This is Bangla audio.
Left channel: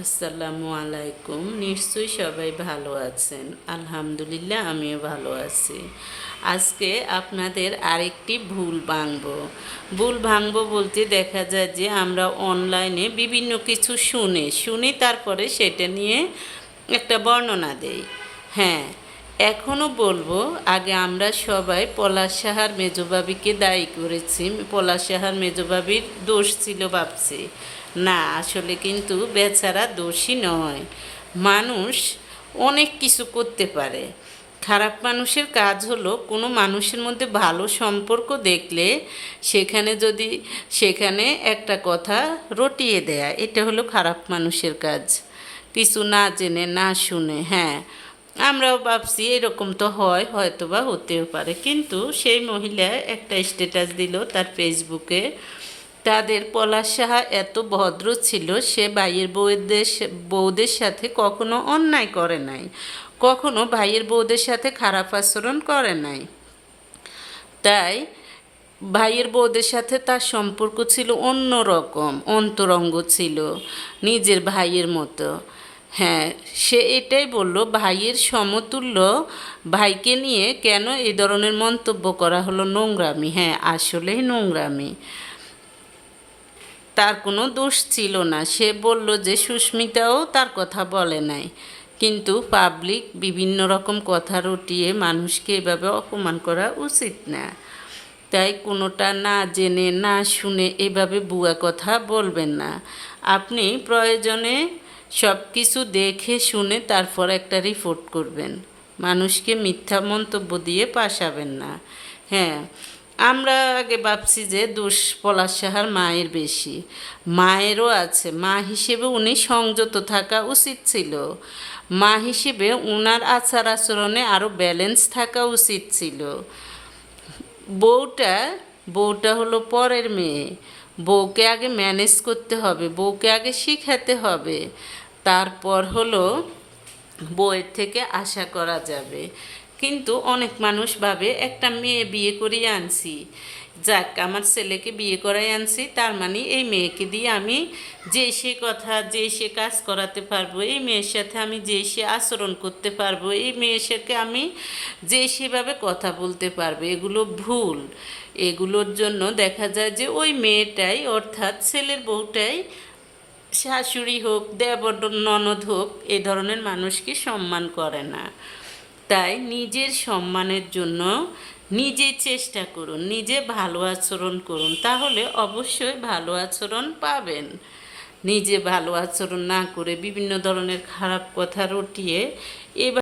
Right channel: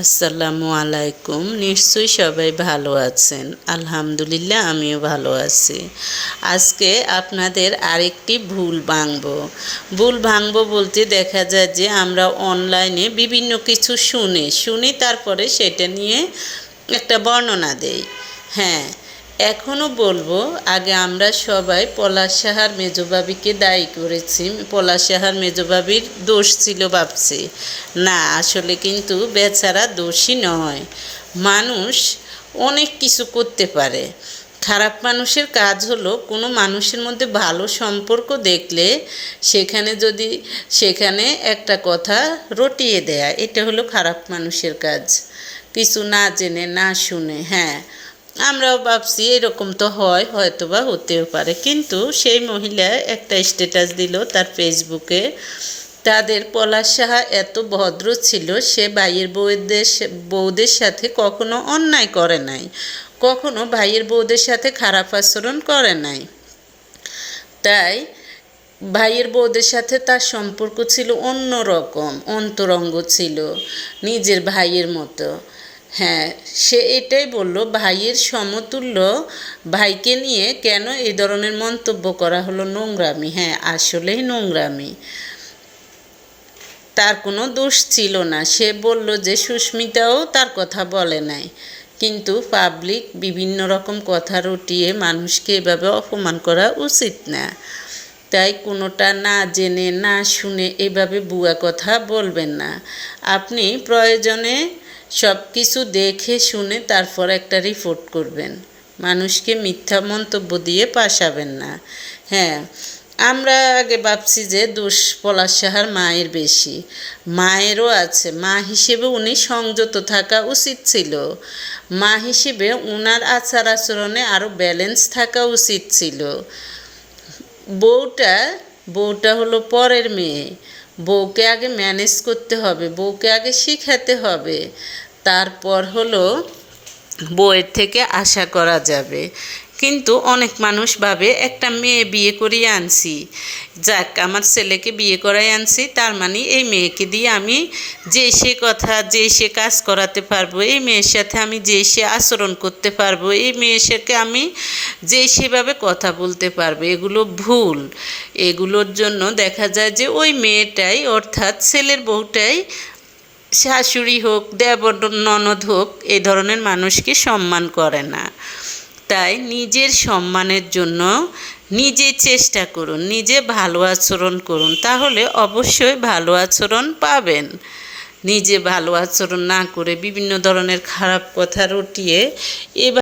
আসসালামু আলাইকুম। নিশ্চয়ই সবাই ভালো আছেন। আলহামদুলিল্লাহ, আমিও ভালো আছি। আজকে আপনাদের আরেকটি ভুল ভাঙব। ভুল ভাঙব বলতে দেখা যায় যে, আমরা অনলাইনে বিভিন্ন কিছু শুনে, শুনি তারপরে সেটা নিয়ে একটা বর্ণনা দেই। হ্যাঁ এখনও বলব, আগে আমরা সবাই পলাশ সাহার মেজবাবিকে দায়ী করেছি। পলাশ সাহার মেজবাবির দোষ ছিল ভাবছি। না, আসলে কিন্তু বেচারা দোষী নয়। মানুষ অনেক কিছু করতে পারে। খারাপ মানুষের কাজ হলো কোনো মানুষের মধ্যে ভালো সম্পর্ক দেখলে সেখানে যদি, সেখানে একটা কথা রটিয়ে দেয়া, এটা হলো খারাপ মানুষের কাজ। কিছু না জেনে, না শুনে হ্যাঁ। আমরাও ভাবছি এরকম তো হয় হয়তো বা হতেও পারে। কিন্তু সেই মহিলা একটা স্ট্যাটাস দিল তার ফেসবুকে তাদের পলাশ সাহা এত ভদ্র ছিল, সে ভাইয়ের বউদের বউদের সাথে কখনো অন্যায় করে নাই। কখনো ভাইয়ের বউদের সাথে খারাপ আচরণ করে নাই। তাই ভাইয়ের বউদের সাথে তার সম্পর্ক ছিল অন্য রকম অন্তরঙ্গ ছিল নিজের ভাইয়ের মতো। হ্যাঁ সে এটাই বলল, ভাইয়ের সমতুল্য ভাইকে নিয়ে কেন এই ধরনের মন্তব্য করা হলো নোংরামি? হ্যাঁ আসলেই নোংরামি। তার কোনো দোষ ছিল না। সে বলল যে সুস্মিতাও তার কথা বলে নাই। কিন্তু পাবলিক বিভিন্ন রকম কথা রটিয়ে মানুষকে এভাবে অপমান করা উচিত না। তাই কোনোটা না জেনে, না শুনে এভাবে বুয়া কথা বলবেন না। আপনি প্রয়োজনে সব কিছু দেখে শুনে তারপর একটা রিপোর্ট করবেন। মানুষকে মিথ্যা মন্তব্য দিয়ে পাশাবেন না। হ্যাঁ আমরা আগে ভাবছি যে দোষ পলাশ সাহার মায়ের বেশি। মায়েরও আছে। মা হিসেবে উনি সংযত থাকা উচিত ছিল। মা হিসেবে উনার আচার আচরণে আরও ব্যালেন্স থাকা উচিত ছিল। বউটা বউটা হলো পরের মেয়ে। বউকে আগে ম্যানেজ করতে হবে, বউকে আগে শিখাতে হবে। তারপর হলো বইয়ের থেকে আশা করা যাবে। কিন্তু অনেক মানুষ ভাবে, একটা মেয়ে বিয়ে করিয়ে আনছি। যাক, আমার ছেলেকে বিয়ে করাই আনছি, তার মানে এই মেয়েকে দিয়ে আমি যে সে কথা, যে সে কাজ করাতে পারব, এই মেয়ের সাথে আমি যে সে আচরণ করতে পারব, এই মেয়ের সাথে আমি যে সেভাবে কথা বলতে পারব, এগুলো ভুল। এগুলোর জন্য দেখা যায় যে ওই মেয়েটাই, অর্থাৎ ছেলের বউটাই শাশুড়ি হোক, দেবর, ননদ হোক এ ধরনের মানুষকে সম্মান করে না। তাই নিজের সম্মানের জন্য নিজে চেষ্টা করুন, নিজে ভালো আচরণ করুন। তাহলে অবশ্যই ভালো আচরণ পাবেন। নিজে ভালো আচরণ না করে বিভিন্ন ধরনের খারাপ কথা রটিয়ে এবার